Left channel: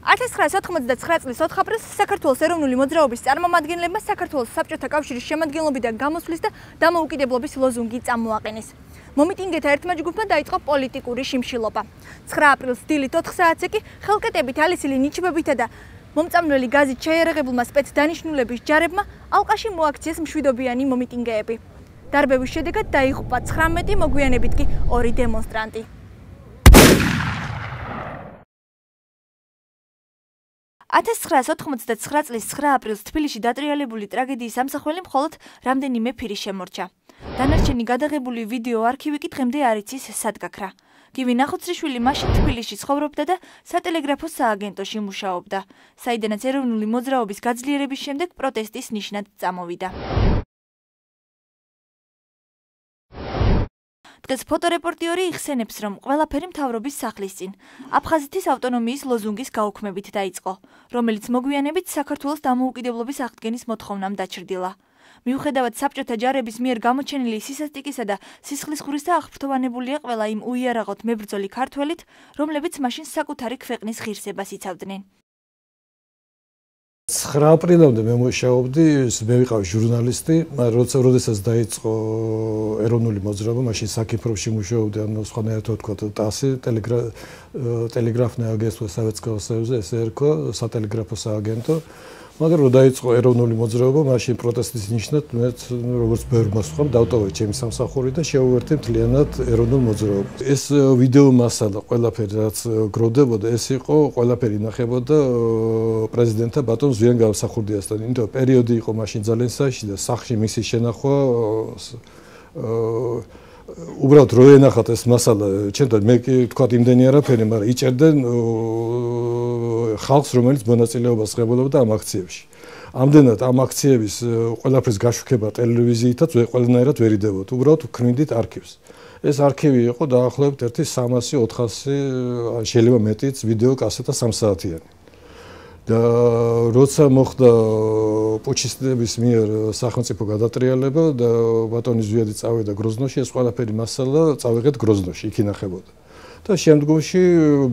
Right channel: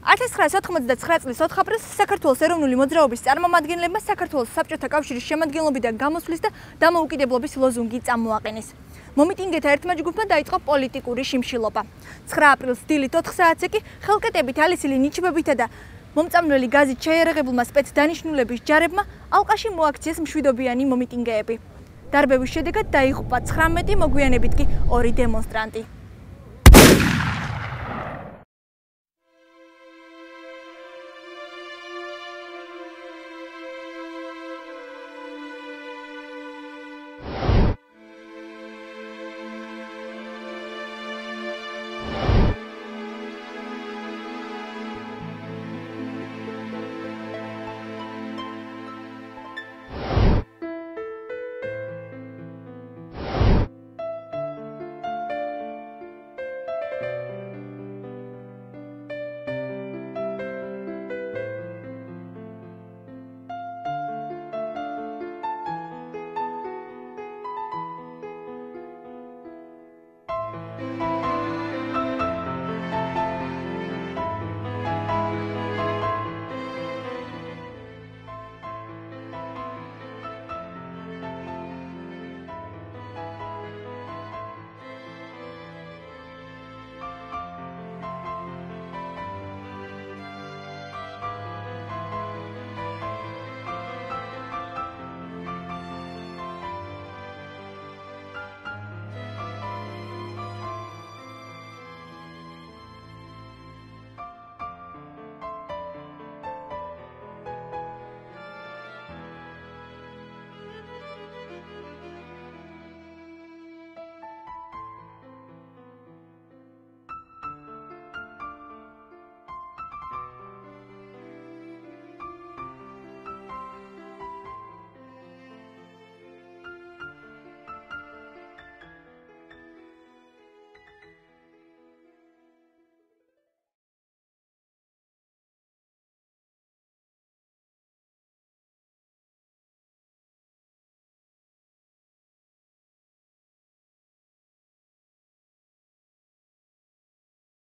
1999 წლის 4 აპრილს საქართველოს ეროვნული მოძრაობის წარმომადგენლებმა საქართველოს საბჭოთა კავშირის შემადგენლობიდან გამოსვლის და დამოუკიდებლობის ლოზუნგი წამოაყენეს. მომიტინგეთა ერთმა ჯგუფმა დაიწყო პოლიტიკური შიმშილობა. 9 აპრილს დილით 4 საათზე კი ხელკეტებით ალისილი ნიჩბებითა და მომწამვლელი გაზით შეიარაღებულმა სპეცდანიშნულების ჯარებმა ალყაში მოაქციეს მშვიდობიანი მომიტინგეები. დარბევის შედეგად დაიღუპა 19, მოგვიანებით კი 2 დემონსტრანტი. $1999 წლის 9 აპრილს თბილისში დატრიალებული ტრაგედიის ამსახველი მხოლოდ რამდენიმე ფირი შემორჩა. დანარჩენი გადაღებული ვიდეო არქივი კი დღემდე არ იცის სად გაქრა. გივი ნახუცრიშვილი მაშინ თბილისში ცხოვრობდა და სატელეგრაფო სააგენტოში მუშაობდა, საიდანაც ეროვნული მოძრაობის გაძლიერების შემდეგ პროტესტის ნიშნად წამოვიდა. დღეს ფოტორეპორტიორი იხსენებს, რომ ყველაფერი მთავრობის სახლის წინ აფხაზეთის ავტონომიის ლოზუნგის გაუქმებით დაიწყო, რომელიც მოგვიანებით საქართველოს დამოუკიდებლობის აღდგენის მოთხოვნამ დაჩრდილა. მიუხედავად საბჭოთა ჯარების მიერ გამოჩენილი სისასტიკისა და სისხლისღვრისა აღფრთოვანებულია ყველა იმ უიარაღოთ მებრძოლი ქართველით, რომლებიც მაშინ საკუთარი ქვეყნის ღირსებას იცავდნენ. 9 აპრილამდე მე მუშაობდი, მე ვიყავი ჟურნალისტი, როდესაც დაიწყო ეროვნული მოძრაობა, მაშინ საკიფროში მუშაობდი, ანუ სხვანაირად ვთქვათ, ტასი, ტელეგრაფное агентство Советского Союза, ესე ერქვა, სატელეგრაფო სააგენტო. მაგრამ რომ დაიწყო ეროვნული მოძრაობა, მაშინ პროტესტის ნიშნად მეც როგორც ბევრმა სხვამ დავტოვე ჩემი სამსახური და შევუერთე მთლიანად ეროვნულ მოძრაობას. ეს ვიდეო მასალა ყველაფერი რაც გროვდებოდა, ეს იყო ყველაფერი ინახებოდა პრეზიდენტთა ბატონ ზვიან გამსახურდიასთან. იმიტომ რომ პერიოდი იყო მაშინ ძალიან საშიში და სახლში მისი შენახვა უბრალოდ რო ენახათ ეს მასალა, ჩემთან მე კი თქვათ იმდენი არაფერი, მაგრამ იჭერდნენ ხალხს, რომელიც მონაწილეობას ღებულობდა ამ აქციებში. ამდენად ამ აქციების ყველაფრის გაშუქება ტელევიზიითაც ყველანაირად ვერ იდებოდა. უბრალოდ ვქმნიდით არქივს. ეს არქივი იყო დაახლოებით 300-400, შეიძლება მეტიც ვიდეო კასეტა 3 საათიანი. და როცა მოხდა პუჩისტების მიერ სახელმწიფო გადატრიალება და ბატონი ზვიადი წავიდა გროზნოში, ეს ყველაფერი მასალა წავიღეთ გროზნოში, იქ ინახებოდა. და შემდგომში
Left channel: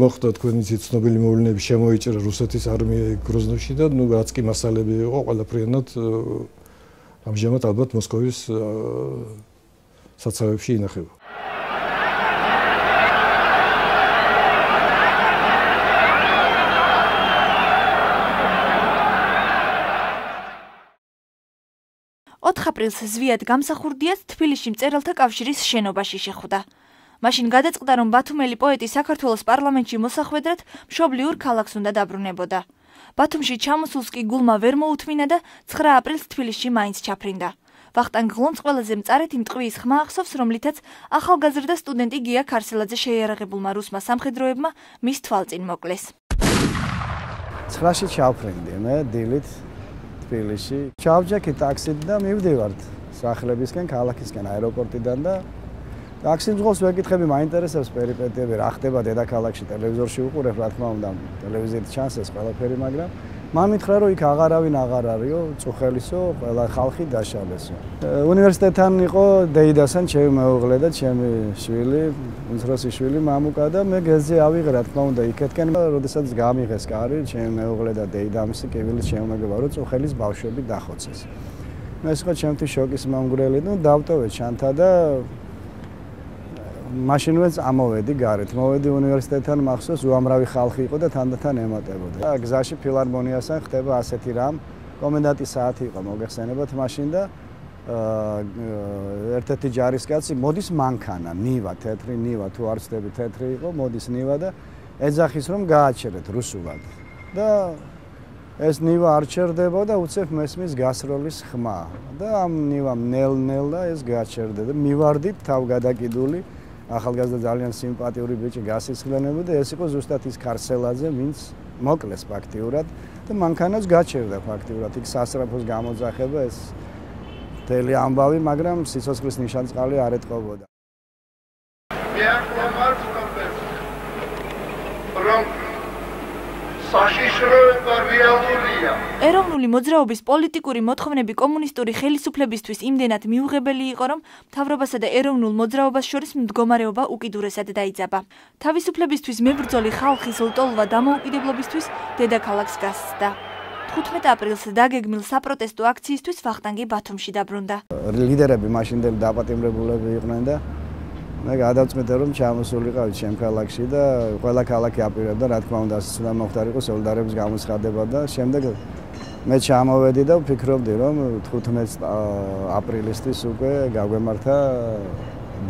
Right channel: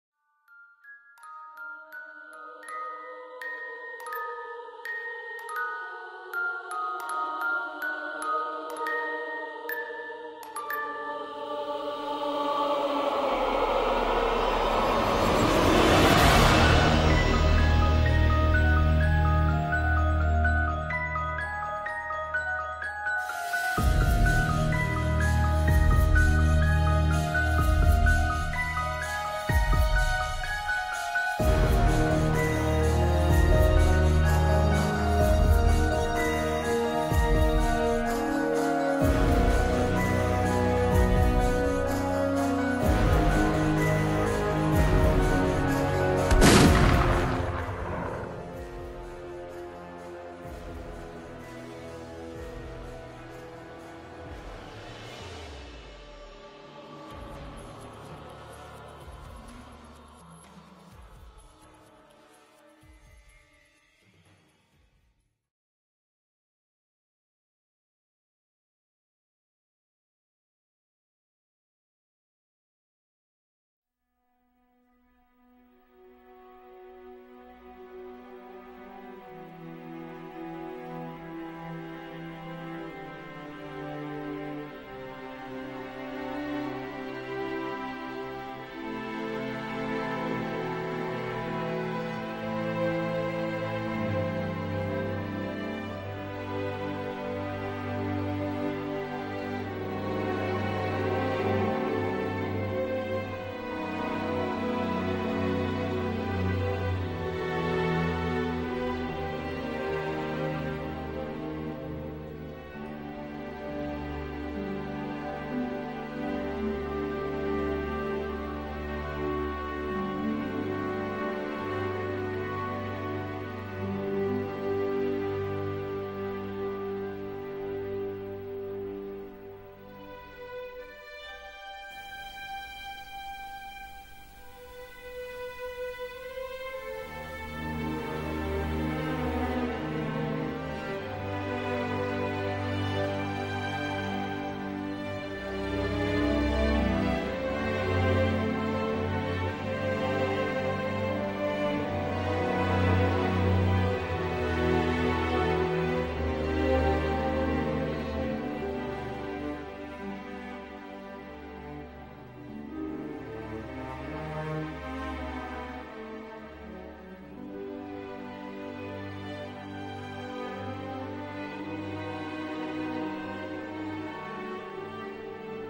მოხდა თქვენი ცნობილი მოვლენები, შემოიჭრა რუსეთის არმია გროზნოში და ნუ რაც კი მასალები იყო ყველაფრიანად ამჟამად ალბათ მოსკოვის საცავებში ინახება. აპრილს ზვიად გამსახურდიას თბილისში მწერალთა კავშირის შენობაში შეხვდა. მაშინ გადაწყდა, რომ ბათუმელი პოეტი საქართველოს პარლამენტში მოსახვედრად მშობლიურ ქალაქს უნდა დაბრუნებოდა. ბათუმში ჩამოსულს კი გულმა ვერ მოუთმინა და 9 აპრილს თბილისში მაინც ჩაფრინდა. ვახტანგ ღლომს ყველაზე მწარედ მტყვის ხმა ახსოვს, რომლითაც ახალგაზრდა სტუდენტი გია ქარსელაძე შეიარაღებულმა რუსმა სამხედროებმა მის თვალწინ მოკლეს. 9-ში ჩავფრინდი მე დილით თბილისში. ჩავჯექი ტაქსით და მივდივართ სახლებისკენ, ქალაქისკენ, აეროპორტიდან და ტაქსის მძღოლს ვეკითხები, მაინტერესებს პერიპეტიები, რა ხდება დედაქალაქში, ტელევიზორში ვუყურებ, რა თქმა უნდა, ტელევიზიით ჩანს ეს ყველაფერი, მაგრამ მან მითხრა, რომ იქ აღარავინ აღარ არისო, წუხელისო, ყველა ხალხი დაშალესო. უნივერსიტეტთან იყო დეიდასთან ჩემი მეუღლე და ჩემი შვილი, უმცროსი შვილი მამუკა და მე გეზზე ავიღე, რა თქმა უნდა, იქეთკენ, როდესაც გამიღეს კარი, ჩემი მეუღლე და დეიდამისი კივილის შემოგება, რომ წუხელის ბავშვები დახოცეს. ეს იყო ჩემთვის შოკის მომგვრელი, ნუ დავტოვე ჩანთა და მაშინვე ამოვედი გარეთ. მოვედი უნივერსიტეტთან, მახსოვს, უამრავი ხალხი იყო და თანდათან ემატებოდა. და გზაში ფილარმონიასთან ხდება ასეთი რამ. კომენდანტის საათი იყო, მოგეხსენებათ მაშინ და ერთ-ერთი ჯარისკაცი მოდის მანქანა, ნივა, თეთრი ნივა, თუ არ ვცდები, თეთრი იყო, მოდის ნივა და ეძახის, რომ გააჩერეთ რუსულად. და ეს ნივა არ ჩერდება და უცებ მესმის გასროლის ხმა. და ამ ნივამ ნელ-ნელა ეს გააჩერდა და მივარდით თავგადაკიდული ახალგაზრდა ძალიან სიმპათიური ბიჭი გასისხლენები და ეს იყო ზუსტად ის ქარსელაძე, ვინც მოკლეს ფაქტიურად და მანქანაც გაჩერდა ფაქტიურად. იქ სასწრაფოს გამოძახება ეს მთელი ამბავი, მაგრამ სიცოცხლის ნიშანწყალი არ ეტყობოდა. მე არ ვამართ რომ საშიშროება რეალურია. ეროვნული მოძრაობის პოლიტიკური მოთხოვნები კომუნისტური ხელისუფლებისთვის იმდენად მიუღებელი იყო, რომ მთავრობასა და ეროვნულ მოძრაობას შორის მდგომარეობა უკიდურესად დაიძაბა. თავისუფლებისთვის მებრძოლი ხალხის ლტოლვა დამოუკიდებლობისთვის დედაქალაქს გასცდა. 15 აპრილს დაგეგმილ საპროტესტო აქციისთვის ვახტანგი ბათუმში დაბრუნდა. ლიდერები მაშინდელი დაპატიმრებულები იყვნენ და მე გადავწყვიტე რომ ჩამოსულიყავი ჩემ ქალაქში და ყველა ქალაქი აპირებდა რა თქმა უნდა უნდა მოხდარიყო სოლიდარობის გამოცხადება და შემდეგ მე ჩამოვედი და ვფიქრობდი რომ 15 აპრილისთვის უკვე გაგვემართა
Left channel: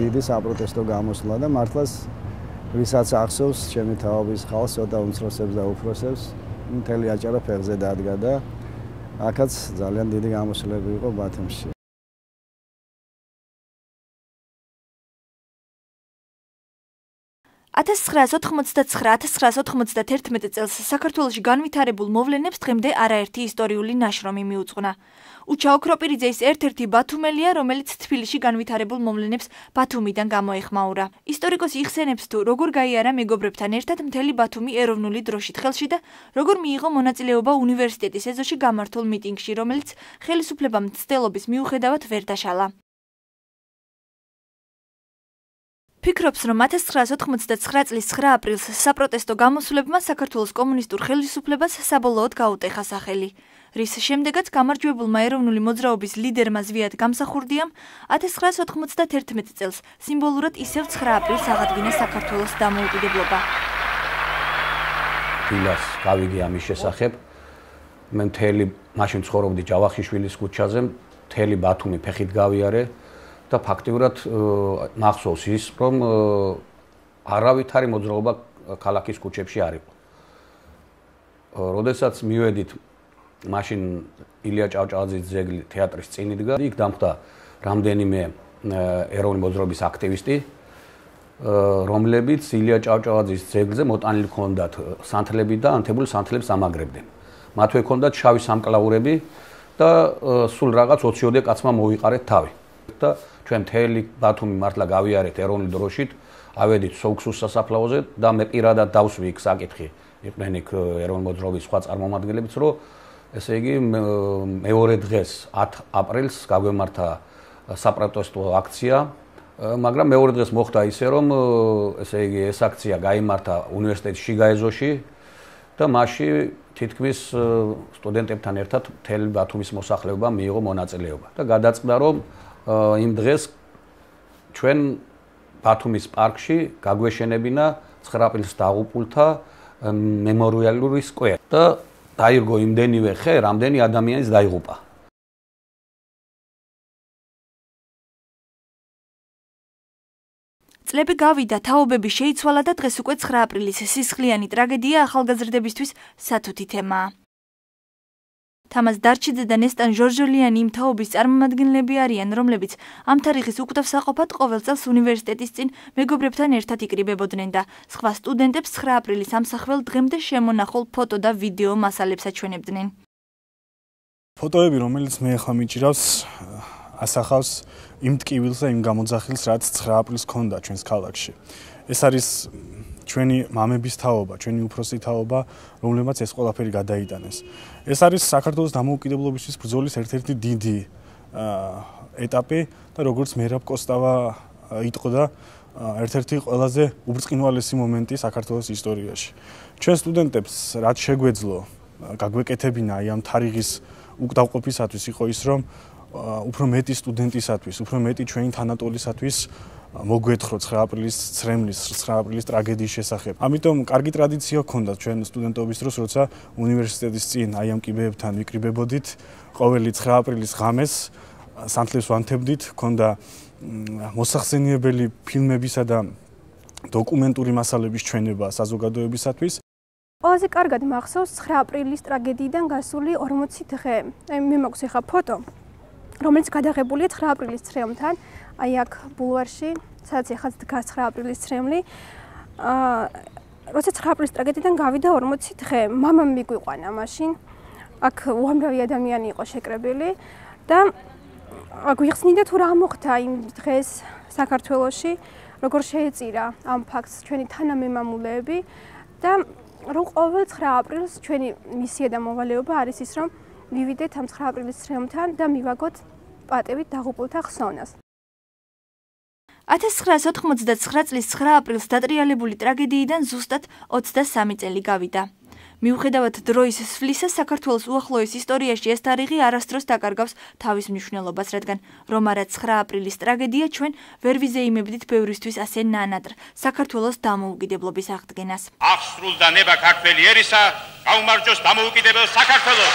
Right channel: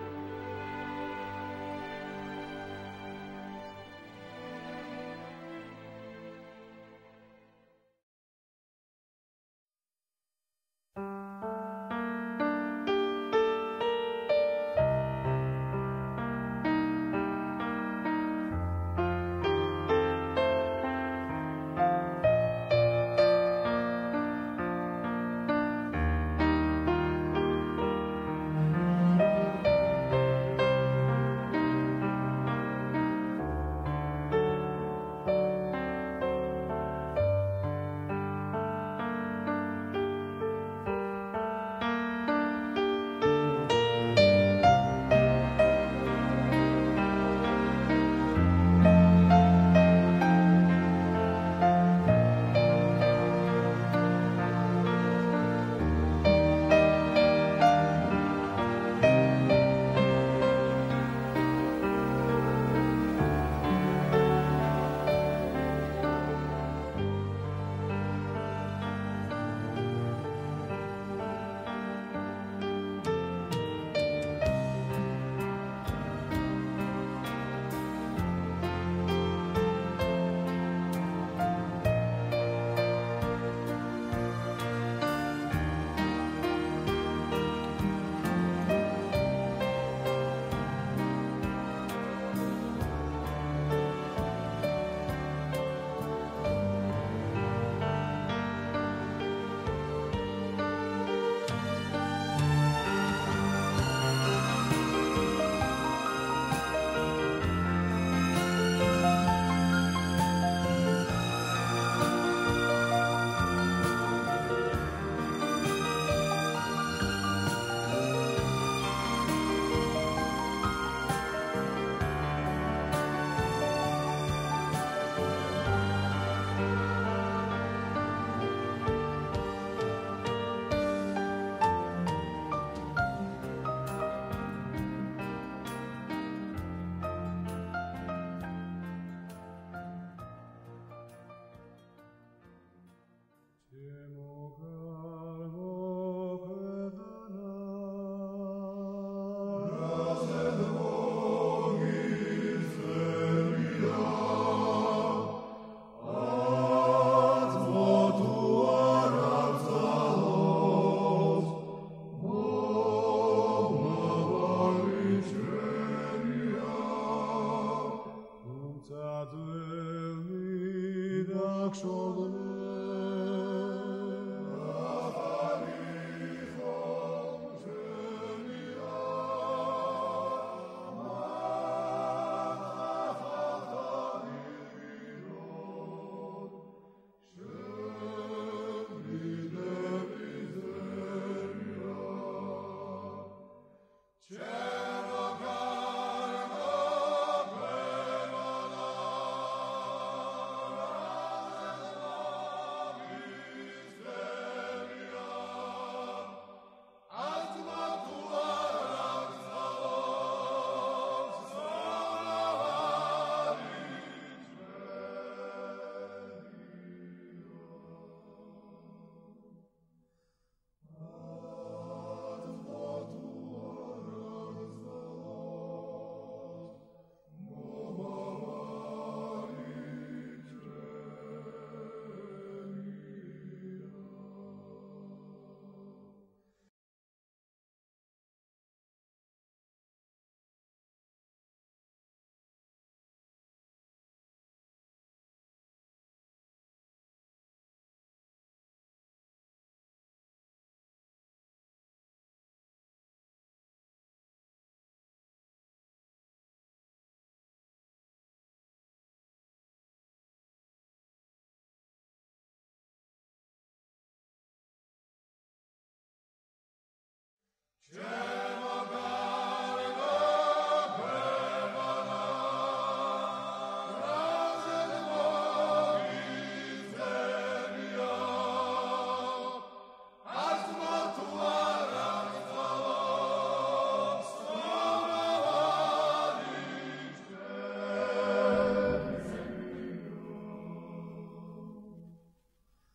დიდი საპროტესტო გამოსვლა და მართლაც ვისაც ახსოვს ჩემი თაობის ხალხს ცოტა უმცროსებს და უფროსებს მთელი აჭარა ფეხზე დადგა და აქაც ძალიან დიდი გამოსვლები იყო ბათუმში. 1989-1991 წელს საქართველოში განვითარებულ მოვლენებს დღემდე არაერთი ისტორიული ნაშრომი მიუძღვნა. უჩა ოქროპირიძის ერთ-ერთი ბათუმელია, რომელიც თბილისში განვითარებულ მოვლენებს ბათუმიდან გამოეხმაურა. ისტორიკოსი იხსენებს თუ როგორ გაიარა მეგობრებთან ერთად მთელი ბათუმი ეროვნული დროშით ხელში და როგორ მიიღო მონაწილეობა უნივერსიტეტის ეზოში გამართულ მიტინგში, რომელიც ხელისუფლებამ მცდელობის მიუხედავად ვერ დაშალა. ფიქრობს, რომ 1989 წლის 9 აპრილს საპროტესტო გამოსვლებმა საქართველოს კომუნისტურ ხელისუფლებას საბოლოოდ გაუტეხა სახელი, რის შემდეგაც გამარჯვებულმა ეროვნული მოძრაობის ლიდერმა ზვიად გამსახურდიამ 1991 წელს სიმბოლურად ისევ 9 აპრილს აღადგინა საქართველოს დამოუკიდებლობა. დილას გავიგე ამის შესახებ. მე მთელი მაშინ ცხოვრობდი ჯავახიშვილის ქუჩაზე, მთელი ბათუმი ფეხით გავიარე. და ფაქტიურად მახსოვს ის, რომ არავითარი მოძრაობა ქალაქის ქუჩებში არის. როდესაც მივედით მაშინ ილია ჭავჭავაძის ძეგლი თეატრის წინ იდგა, იქ დამხდა რამდენიმე ეროვნული მოძრაობის აქტივისტი, რომლებიც ილია ჭავჭავაძის ძეგლზე მოტანილი ჰქონდათ სანთლები და ანთებული სანთლებს ამაგრებდნენ. მათვე ჰქონდათ შავი სამკლაურები და სულ რაღაც 20-ოდე კაცმა მოვიყარეთ თავი. და ჩვენ მთელი ბათუმი მართლა გავიარეთ ეროვნულ დროშით, ავედით სოუქსუს სასაფლაოზე და მე პირადად დავსვი იქ საკითხი. მე იქ ეროვნული მოძრაობის სხვა წარმომადგენლებს, რომ ესე იგი მეორე დღეს 10 აპრილს გაგვემართა საპროტესტო აქცია, მაგრამ მეორე დღეს მოხდა ისე, რომ ესე იგი ეს აქცია გაიმართა უნივერსიტეტის შიგა ეზოში და მასში თითქმის სტუდენტებთან ერთად მთელი ბათუმის მოსახლეობა მიიღო მონაწილეობა და გადაწყდა, რომ იმ დღეს ჩვენ ბათუმის პარკში გაგვეშენებინა 9 აპრილს დაღუპულთა მემორიალური სკვერი და დაირგო იმდენივე ხე, რამდენი ადამიანის დაიღუპა. წლები გავიდა, თაობები შეიცვალა და დღეს უკვე 9 აპრილის სისხლიანი ტრაგედია ახალგაზრდებისთვის სათუთი თემაა. თამაზ დარჩიძე და ნესტან ჟორჟოლიანი იმ თაობის წარმომადგენლები არიან, რომლებიც ამ თარიღის უკვდავსაყოფად ყოველ წელს უნივერსიტეტის წინ მეგობრებთან ერთად იკრიბებოდნენ და სხვა სტუდენტებს 9 აპრილის ამსახველ დღემდე შემონახულ ფოტო და ვიდეო მასალებს აჩვენებდნენ. ფოტოები, რომელიც მე ახლა მიჭირავს, ასახავს იმ ტკივილს და იმ გამოძახილს, რაც 9 აპრილს ჰქონდა ჩვენს ქალაქში. ეს არის ჩვენი მამების თაობა, ჩვენი უფროსი თაობა, რომლებმაც ეს ყველაფერი გადაიტანეს. ეს არის საქართველოს დამოუკიდებლობისთვის ბრძოლის ერთ-ერთი დიდი ეტაპი და როგორც მერაბ კოსტავა იტყოდა, ერთ-ერთი ყველაზე უბრწყინვალესი მომენტი საქართველოს ისტორიაში. ჩვენ სტუდენტებს რაც შეგვეძლო გაგვეკეთებინა აი ამ თარიღის უკდავყოფისათვის იყო ის, რომ უფრო მეტი სტუდენტისათვის, უფრო მეტი ჩვენი თანატოლისათვის მოგვეთხრო 9 აპრილის ცრემლის, 9 აპრილის ტრაგედიის შესახებ. ამიტომ კარგი ტრადიცია ჰქონდა ჩვენ სტუდენტობის დროს, როცა უნივერსიტეტის წინ აი ამ კიბეებთან ვიკრიბებოდით, ყოველი 9 აპრილის ღამეს სანთლებს ვანთებდით, ჰქონდა მოსახსენიებელი ფილმებისა და დოკუმენტური მასალების ჩვენება საზოგადოებისათვის. ყველაზე კარგად მახსოვს 9 აპრილის ტრაგედიიდან გასული 40 დღე. მე მაქვს ახლა ფოტო, რომელიც გადაღებულია 9 აპრილის ცრემლთან. აი აქ ბულვარში, სადაც ახაც დგას 9 აპრილის ცრემლი. როცა 9 აპრილის ტრაგედიიდან გავიდა 40 დღე, მამამ მიგვიყვანა მაშინ. აქ უამრავი ადამიანი იყო შეკრებილი და გვიხსნიდა თუ რა მოხდა იმ დღეს საქართველოში, როგორ შეეწირა ამ ფაქტს ჩვენი თანამემამულეები და რომ ყოველ 9 აპრილს ჩვენი მისია და მოვალეობა არის ის, რომ მივიდეთ ამ 9 აპრილის ცხრილთან და მივაგოთ პატევით დაღუპულთა ხსოვნას. 1999 წლის 9 აპრილს დატრიალებული ტრაგედიიდან ზუსტად 23 წელი გავიდა. მიუხედავად დროის სვლისა, საქართველოს უახლოეს ისტორიაში ეს თარიღი არასდროს დაკარგავს თავის მნიშვნელობას, რადგან რომ არა 9 აპრილის ტრაგედია ჩვენ ვერ ვიზეიმებდით ბევრისთვის ასე ნანადრ საქართველოს დამოუკიდებლობის აღდგენას. აღსრულდა ნება ქართველი ერისა, გაუმარჯოს დამოუკიდებელ საქართველოს.